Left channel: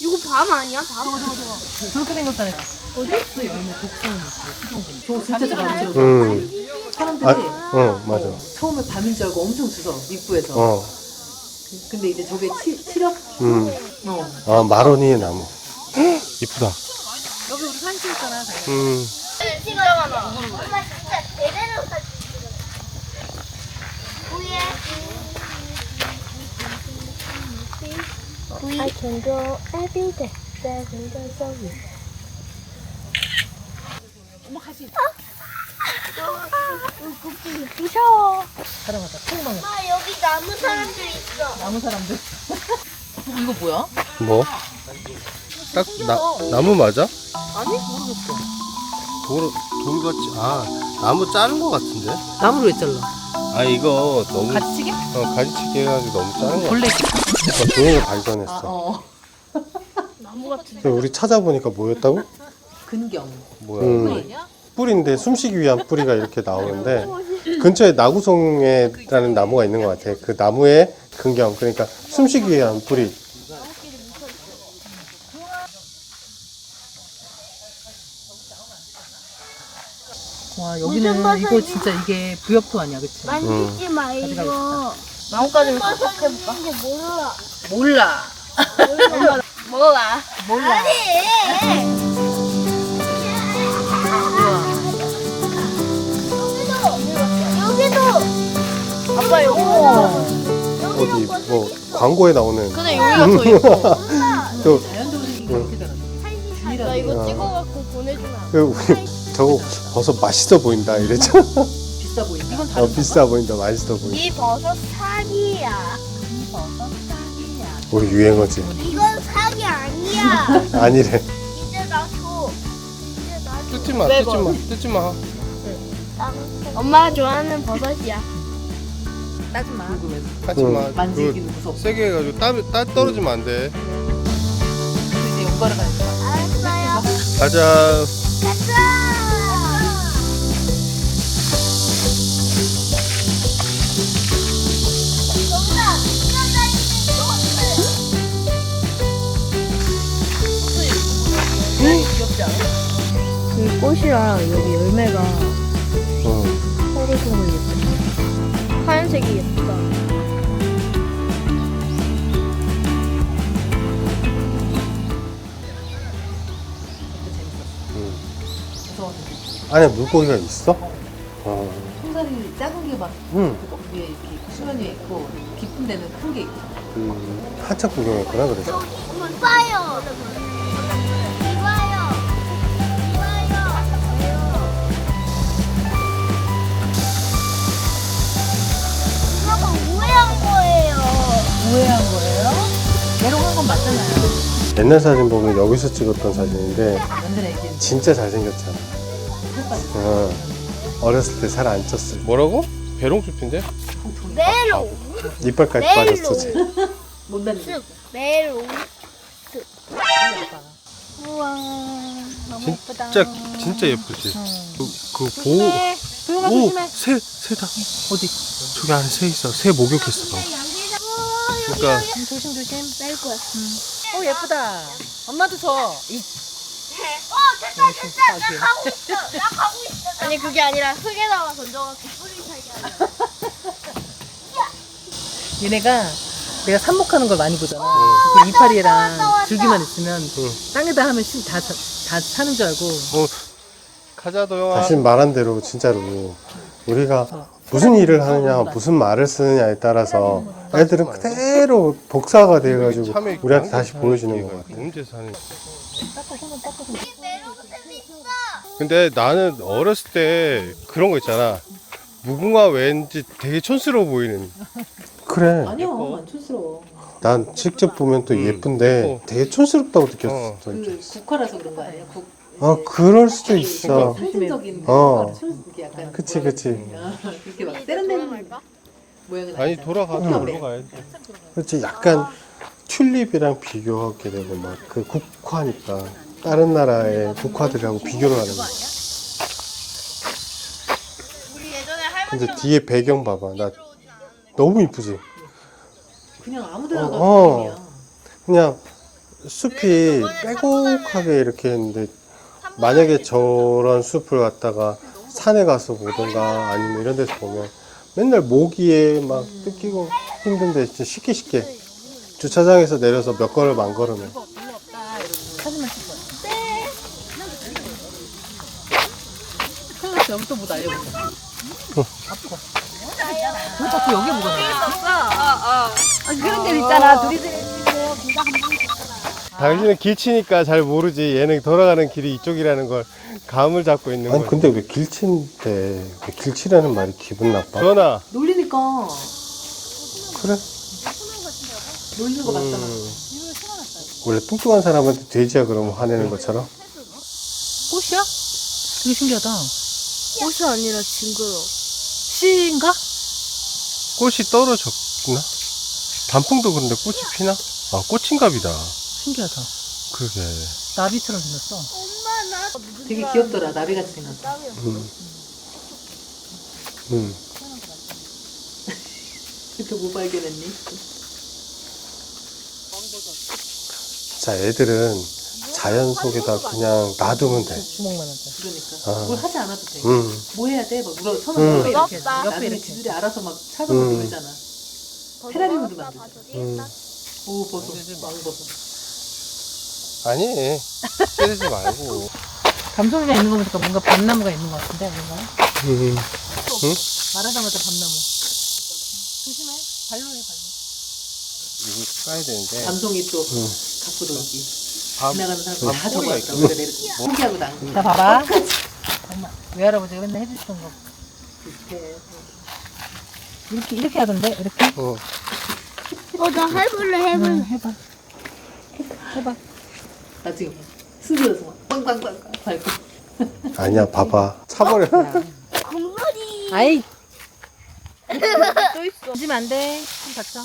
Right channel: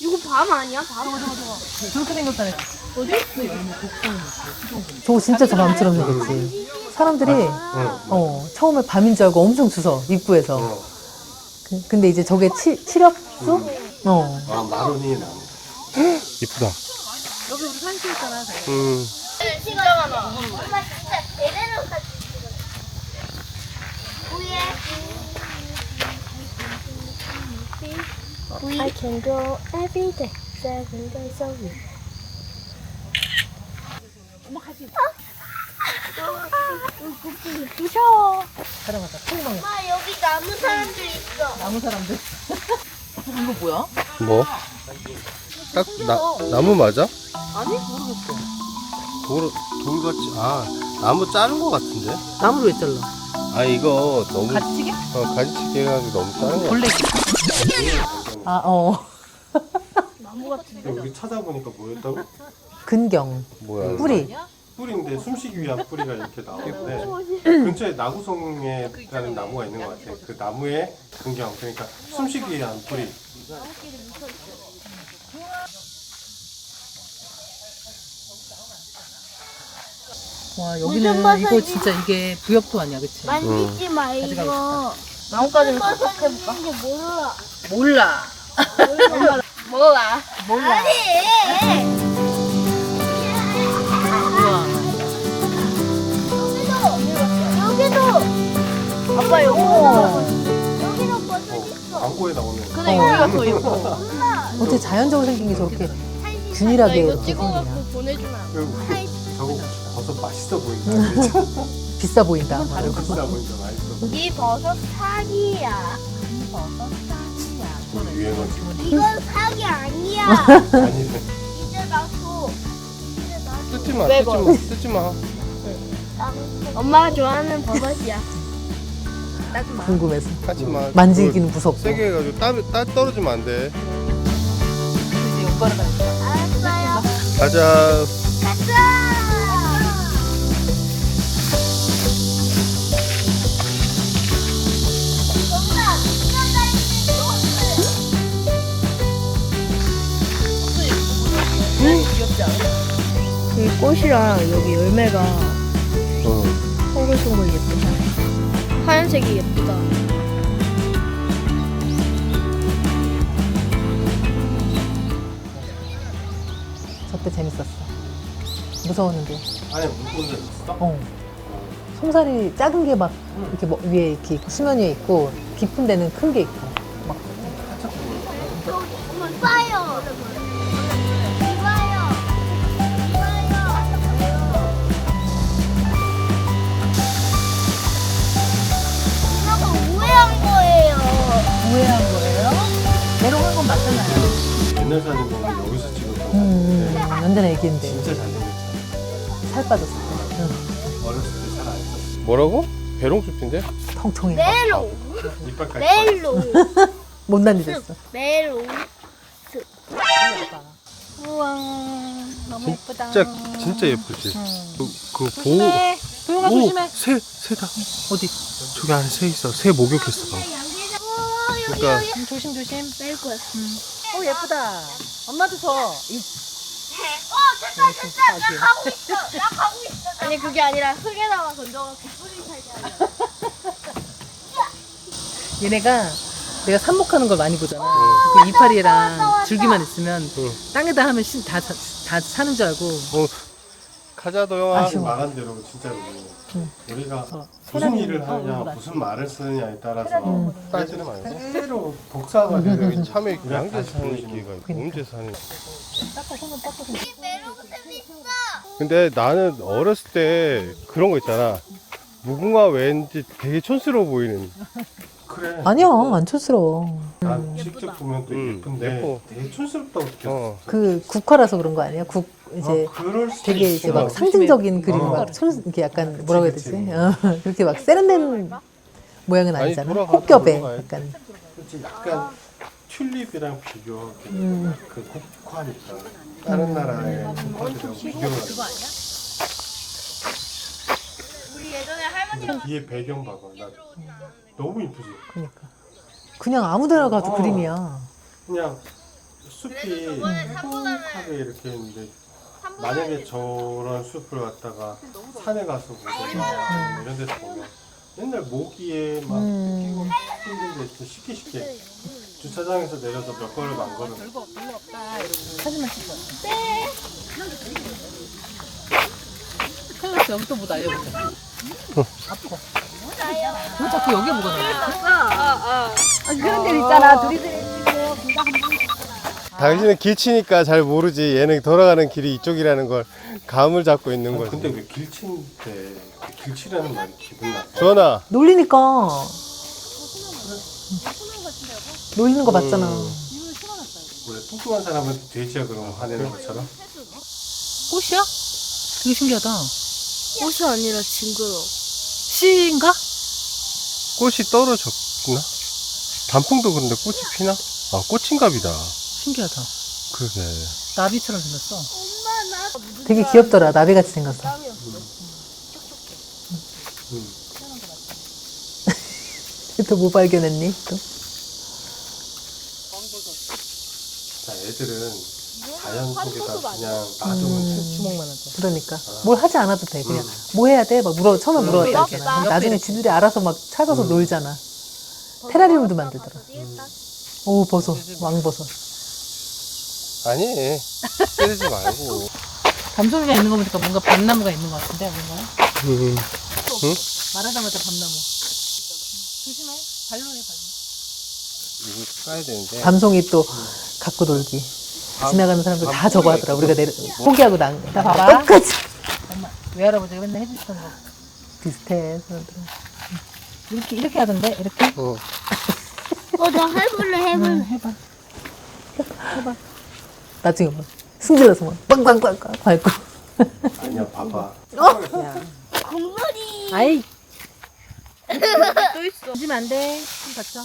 이거 밤 아니야? 밤? 저렇게 생겼다네. 어디? 열무 독성. 저거 진짜 저렴처럼. 사람들이 맞아. 처음에 밤인 줄 알고 엄청 주워 입구에서. 근데 이제 저게 7엽? 아, 마로니의 나무. 이쁘다. 여기 우리 산수 있잖아. 찍어라. 엄마 진짜 제대로 사진 찍어. 구이에. 구이. I can go every day. Seven days a week. 엄마 가수. 무서워. 사람마다 팽망해. 엄마 여기 나무 사람들 있어. 나무 사람들. 이거 뭐야? 뭐? 딱 나무 맞아? 아니 모르겠어. 돌같이 나무 자른 거 같은데? 나무로 왜 잘라? 아 이거 너무 가지치기? 가지치기 해가지고 너무 자른 거 블랙. 같아. 종이를 발견했어. 나무 같은. 근데 우리 찾아보니까 뭐였다고? 근경. 뭐야? 뿌리. 뿌리인데 숨쉬기 위한 뿌리가 이렇게 나오는데 근처에 나구송에라는 나무가 있는 것 같아. 그 나무의 근경, 그러니까 숨쉬기 위한 뿌리. 와 여기는 이거 진짜 이게 부엽도 아니야, 그치? 만지지 말고. 나뭇가지를 해볼까? 이거 몰라. 몰라. 몰라. 몰라. 아니. 여기도. 아빠 이거. 광고에 나오는. 근데 여기가 더 예뻐. 근데 자연적으로 생긴 게 저렇게 균일하게. 이거 찍어갖고 보내주면. 저거 버섯 맛있어 보인다 이랬잖아. 비싸 보인다. 비싸 보인다, 맛있어 보인다. 이 버섯 사기야. 우리 유행어지. 이건 사기 아니야. 아니래. 이제 나도. 뜯지 마, 왜 뜯지 마, 뜯지 마. 엄마가 좋아하는 버섯이야. 궁금해서. 하지 마. 만지기는 무섭고. 세게 해가지고 딸 떨어지면 안 돼. 이제 오빠를 가니까. 알았어요. 가자. 그 꽃이랑 여기 열매가 응. 서로서로 예뻐. 하얀색이 예쁘다. 저때 재밌었어. 무서웠는데. 안에 물고기가 있어? 어. 송사리 작은 게 막 이렇게 위에 이렇게 수면 위에 있고 깊은 데는 큰 게 있고. 막 한참 구경했구나, 그래. 엄마 이봐요. 이봐요. 이거 뭐한 거예요? 우회한 거예요? 메롱한 건 맞잖아요. 옛날 사진 보면 여기서 찍었던 사진인데 완전 애기인데 진짜 잘생겼죠. 살 빠졌어. 어렸을 때 살 안 쪘어. 뭐라고? 배롱숲인데? 통통해. 메로. 이빨까지 멜로. 빠졌어. 못 날리겠어. 메로. 우와. 너무 예쁘다. 진짜 예쁘지. 네. 도영아 조심해. 새다. 어디? 저기 안에 새 있어. 새 목욕했어. 방금. 그러니까 조심 조심. 뺄 거야. 예쁘다. 엄마도 줘. 됐다. 나 가고 있어. 나 가고 있어. 아니 그게 아니라 흙에다가 던져갖고 뿌리 살게. 얘네가 내가 삽목하는 걸 많이 보잖아. 그 이파리랑 줄기만 있으면 땅에다 하면 다 사는 줄 알고. 가자 도영아. 사실 말한 대로 진짜로 우리가 무슨 일을 하느냐, 무슨 말을 쓰느냐에 따라서 애들은 그대로 복사가 돼가지고 우리한테 다시 보여주는 거야. 언제 사는? 근데 나는 어렸을 때 그런 거 있잖아. 무궁화 왠지 되게 촌스러워 보이는. 그래. 아니야, 안 촌스러워. 난 직접 보면 또 예쁜데 예뻐. 되게 촌스럽다고 느꼈어. 그 국화라서 그런 거 아니야? 이제 그럴 수도 되게 있어. 상징적인 그림, 이렇게 약간 그치, 뭐라고 해야 그치. 되지? 그렇게 막 세련된 모양은 아니, 아니잖아. 돌아가, 꽃겹에. 돌아가야지. 약간. 그렇지, 약간 튤립이랑 비교하게 되고 막 그 국화니까 다른 나라의 국화들하고 비교를 하는 거야. 근데 뒤에 배경 봐봐. 나 너무 이쁘지? 그냥 아무데나 가도 어. 그림이야. 그냥 숲이 빼곡하게 이렇게 했는데 만약에 저런 숲을 갖다가 산에 가서 보던가 아니면 이런 데서 보면 맨날 모기에 막 뜯기고 힘든데 진짜 쉽게 주차장에서 내려서 몇 걸음 안 걸으면 사진만 찍어. 큰일 났어. 여기 또 뭐 날려보자. 아파. 왜 자꾸 여기에 뭐가 날려? 그런 데 있잖아. 둘이들이 당신은 길치니까 잘 모르지 얘는 돌아가는 길이 이쪽이라는 걸 감을 잡고 있는 거야. 근데 왜 길치인데 길치라는 말이 기분 나빠? 전화. 놀리니까. 그래? 놀리는 거 맞잖아. 원래 뚱뚱한 사람한테 돼지야 그러면 화내는 것처럼? 꽃이야? 되게 신기하다. 꽃이 아니라 징그러. 씨인가? 꽃이 떨어졌구나? 단풍도 그런데 꽃이 피나? 아 꽃인갑이다. 신기하다. 그러게. 나비처럼 생겼어. 되게 귀엽더라. 나비같이 생겼어. 또 뭐 발견했니? 또? 자 애들은 자연 속에다 그냥 놔두면 돼. 주먹만 하자. 그러니까. 아. 뭘 하지 않아도 돼. 그냥 뭐 해야 돼? 막 처음에 물어. 이렇게. 나중에 지들이 알아서 막 찾아서 놀잖아. 테라리움도 만들더라. 오, 버섯. 왕버섯. 아니 찌르지 말고. 밤송이가 있는 거 보니까 뭔가 밤나무가 있는 것 같은데, 아닌가요? 응? 말하자마자 밤나무. 조심해. 발로해, 발로. 이거 까야 되는데. 밤송이 또 갖고 놀기. 지나가는 사람들 다 저거 포기가 하더라. 우리가 포기하고 난 거. 자, 봐봐. 엄마, 외할아버지가 맨날 해주시던 거 비슷해. 이렇게 하던데? 이렇게? 나 해볼래. 해봐. 나중에 뭐 숨겨서 막 빵빵빵빵 밟고. 아니야 봐봐. 차버려. 공놀이. 아이. 또 있어. 조심 안 돼. 좀 다쳐.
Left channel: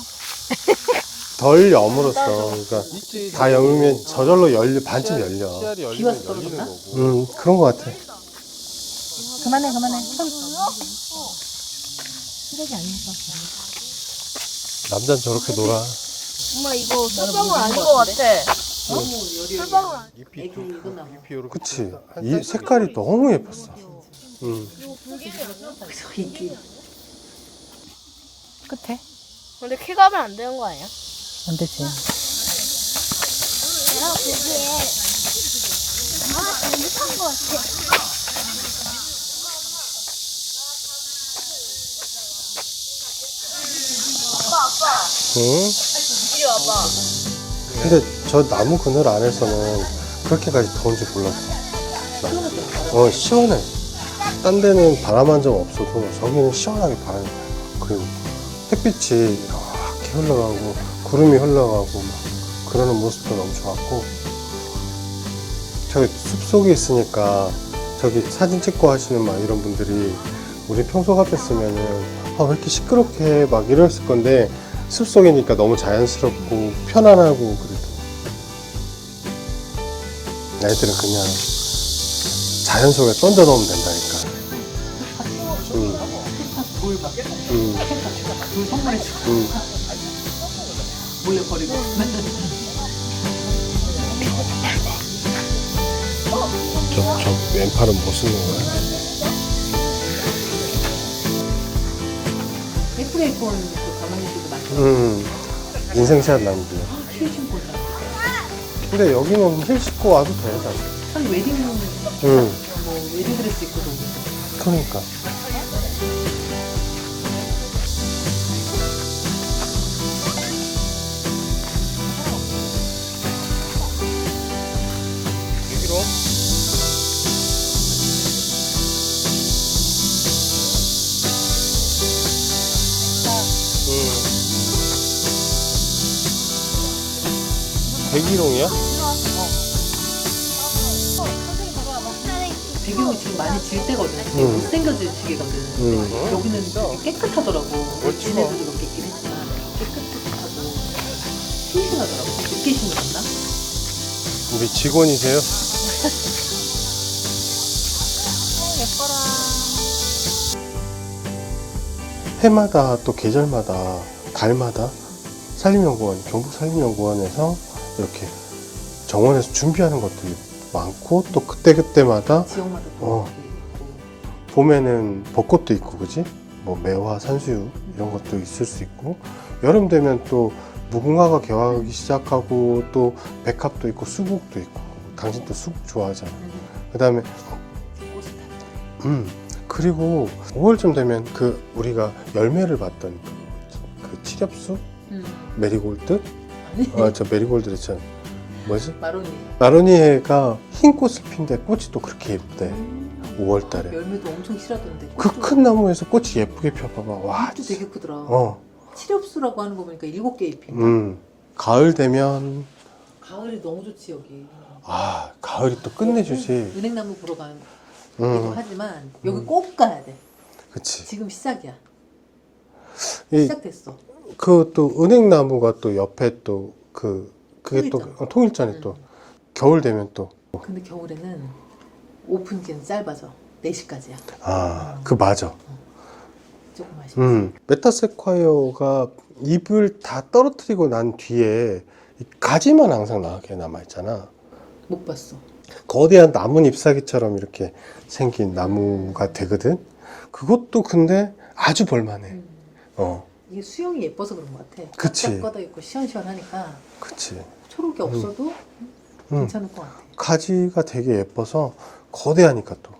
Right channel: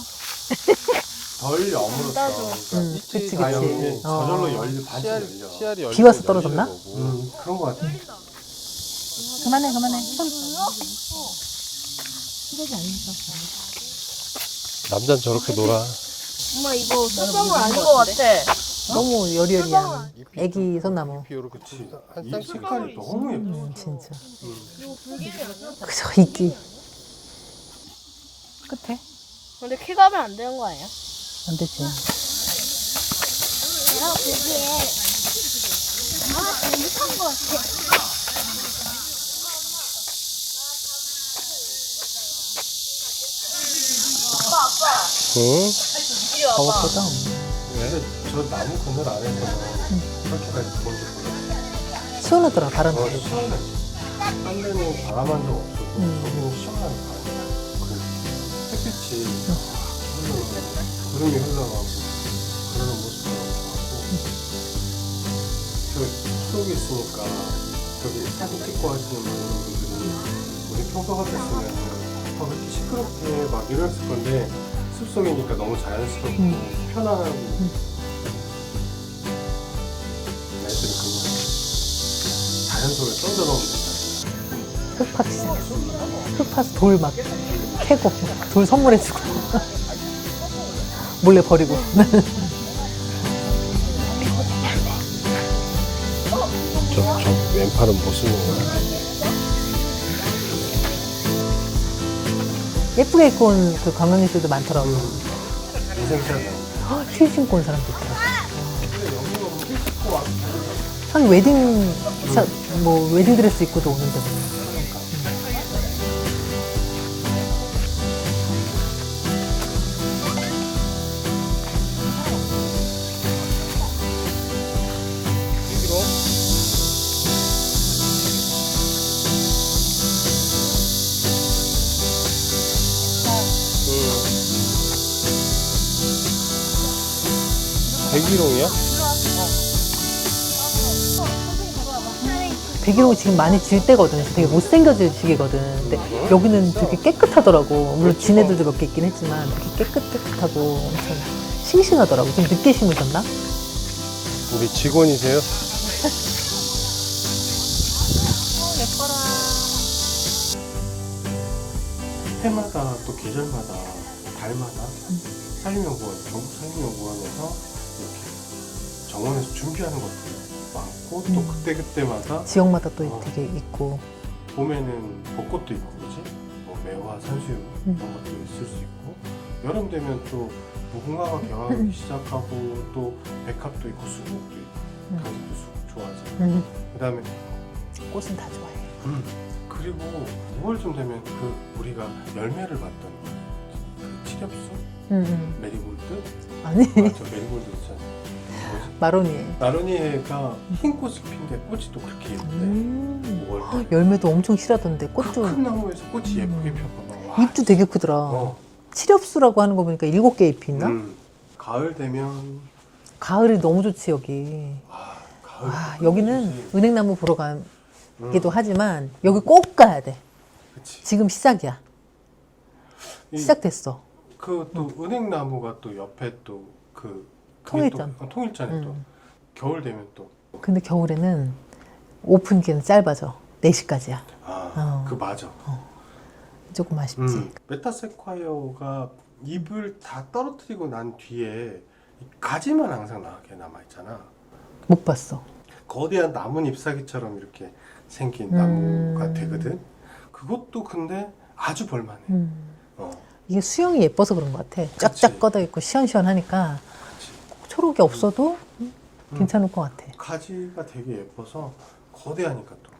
덜 여물었어. 그러니까 다 여물면 저절로 반쯤 열려. 비 와서 떨어졌나? 그런 거 같아. 그만해. 쓰레기 아니니까. 남자는 저렇게 놀아. 엄마 이거 술방울 아닌 것 같아. 너무 여리여리야. 애기 손나무. 그치. 이 색깔이 너무 예뻤어. 진짜. 그죠? 그저 이끼. 끝에? 근데 키 가면 안 되는 거 아니야? 안 되지. 내가 보기에 잘못한 것 같아. 아빠. 응? 이리 와봐. 근데 저 나무 그늘 안에서는 그렇게까지 더운지 몰랐어. 시원하더라, 바람. 시원해. 딴 데는 바람 한 점 없어도 저기는 시원하게 바람이 나요. 그 햇빛이 이렇게 흘러가고 구름이 흘러가고 그러는 모습도 너무 좋았고 저기 숲속에 있으니까 저기 사진 찍고 하시는 막 이런 분들이 우리 평소 같았으면은 왜 이렇게 시끄럽게 막 이랬을 건데 숲속이니까 너무 자연스럽고 편안하고 애들은 그냥 자연 속에 던져놓으면 된다니까. 흙파스 돌 막 캐고 돌 선물해주고 몰래 버리고. 저 왼팔은 못 쓰는 거야? 예쁘게 입고 온 그 관광객들도 많더라고. 인생샷 나는데. 힐 신고 온 사람도 있고. 근데 여기는 힐 신고 와도 된다. 한 웨딩 뭐 웨딩 드레스 입고도 오는데. 그러니까. 여기로. 백일홍이야? 백일홍이 지금 많이 질 때거든. 되게 못생겨질 시기거든. 근데 여기는 되게 깨끗하더라고. 물론 지네들도 그렇게 있긴 했지만 깨끗하고 싱싱하더라고. 지금 늦게 심으셨나? 우리 직원이세요? 예뻐라. 해마다 또 계절마다 달마다 산림연구원, 경북산림연구원에서 이렇게 정원에서 준비하는 것들이 많고 또 그때그때마다 지역마다 또 어. 애들이 있고. 봄에는 벚꽃도 있고 그지? 뭐 매화, 산수유 이런 것도 있을 수 있고 여름 되면 또 무궁화가 개화하기 시작하고 또 백합도 있고 수국도 있고 당신 또 수국 좋아하잖아. 그다음에 꽃은 다 좋아해. 그리고 5월쯤 되면 그 우리가 열매를 봤던 그 칠엽수 메리골드 아니 저 메리골드 있잖아. 뭐지? 마로니에. 마로니에가 흰 꽃을 핀데 꽃이 또 그렇게 예쁘대. 5월달에 열매도 엄청 실하던데. 그 꽃도 큰 나무에서 꽃이 예쁘게 펴봐봐. 와, 잎도 되게 크더라. 어. 칠엽수라고 하는 거 보니까 7개 잎인가? 가을 되면 가을이 너무 좋지 여기. 가을이 또 끝내주지. 여기는 은행나무 보러 가기도 하지만 여기 꼭 가야 돼. 그치. 지금 시작이야. 시작됐어. 그 또 은행나무가 또 옆에 또 그게 통일전. 또 통일전에 또 겨울 되면 또 근데 겨울에는 오픈 기간은 짧아져. 4시까지야. 그 맞아. 조금 아쉽지. 메타세콰이어가 잎을 다 떨어뜨리고 난 뒤에 이 가지만 항상 나게 남아 있잖아. 못 봤어. 거대한 나뭇 잎사귀처럼 이렇게 생긴 나무가 되거든. 그것도 근데 아주 볼만해. 이게 수영이 예뻐서 그런 것 같아. 그치. 쫙쫙 뻗어 있고 시원시원하니까 그치. 초록이 없어도 괜찮을 것 같아. 가지가 되게 예뻐서 거대하니까 또.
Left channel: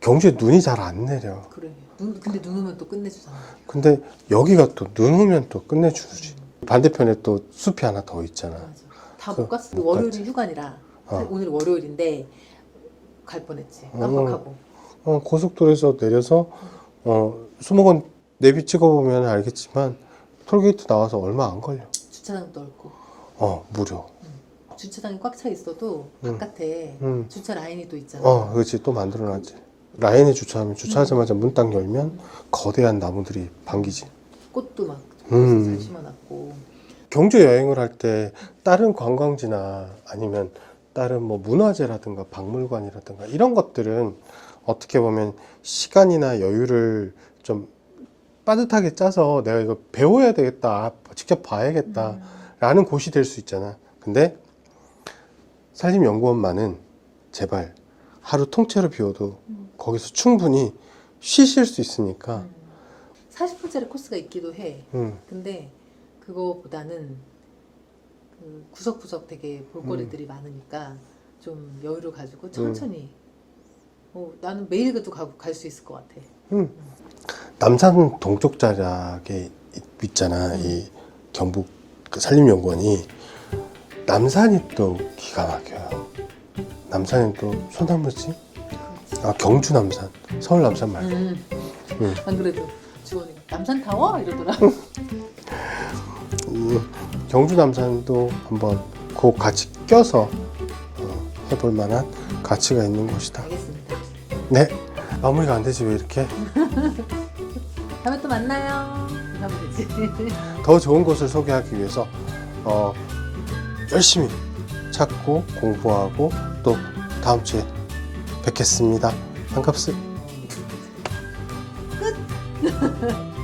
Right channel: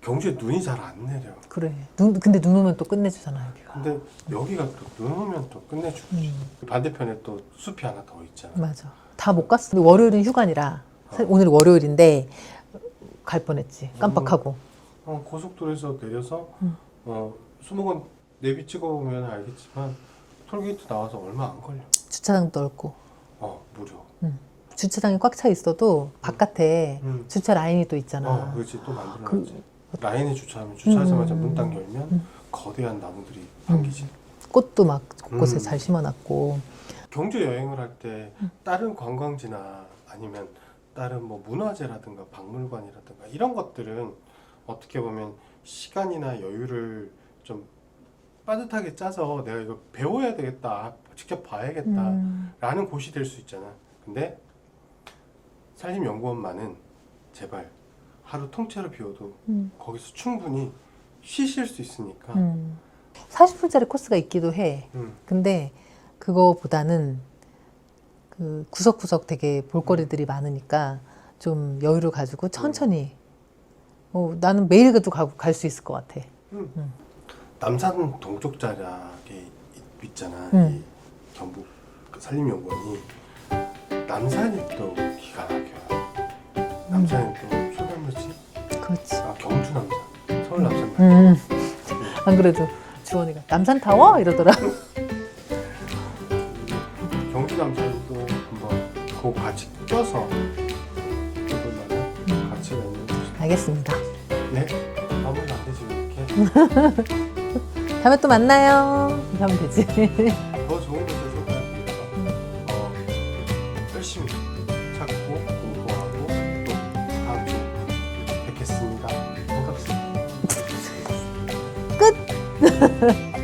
경주에 눈이 잘 안 내려. 그래. 근데 눈 오면 또 끝내주잖아. 근데 여기가 또 눈 오면 또 끝내주지. 반대편에 또 숲이 하나 더 있잖아. 맞아. 다 못 갔어. 근데 월요일은 휴관이라 오늘 월요일인데 갈 뻔했지. 깜빡하고. 고속도로에서 내려서 수목원 내비 찍어보면 알겠지만 톨게이트 나와서 얼마 안 걸려. 주차장도 넓고. 무료. 주차장이 꽉 차 있어도 바깥에 주차 라인이 또 있잖아. 그렇지. 또 만들어놨지. 라인에 주차하면 주차하자마자 문 딱 열면 거대한 나무들이 반기지. 꽃도 막 곳곳에 잘 심어놨고. 경주 여행을 할 때 다른 관광지나 아니면 다른 뭐 문화재라든가 박물관이라든가 이런 것들은 어떻게 보면 시간이나 여유를 좀 빠듯하게 짜서 내가 이거 배워야 되겠다, 직접 봐야겠다 라는 곳이 될 수 있잖아. 근데 산림연구원만은 제발 하루 통째로 비워도 거기서 충분히 쉬실 수 있으니까 40분짜리 코스가 있기도 해. 근데 그거보다는 그 구석구석 되게 볼거리들이 많으니까 좀 여유를 가지고 천천히. 나는 매일 그래도 갈 수 있을 것 같아. 남산 동쪽 자락에 있잖아. 이 경북 그 산림연구원이 남산이 또 기가 막혀요. 남산은 또 소나무지. 그렇지. 경주 남산, 서울 남산 말고. 안 그래도 주원이가 남산 타워 이러더라. 경주 남산도 한번 그 같이 껴서 해볼 만한 가치가 있는 곳이다. 알겠습니다. 네, 마무리가 안 되지 왜 이렇게? 다음에 또 만나요. 이렇게 하면 되지. 더 좋은 곳을 소개하기 위해서 열심히 찾고 공부하고 또 다음 주에 뵙겠습니다. 반갑습니다. 끝.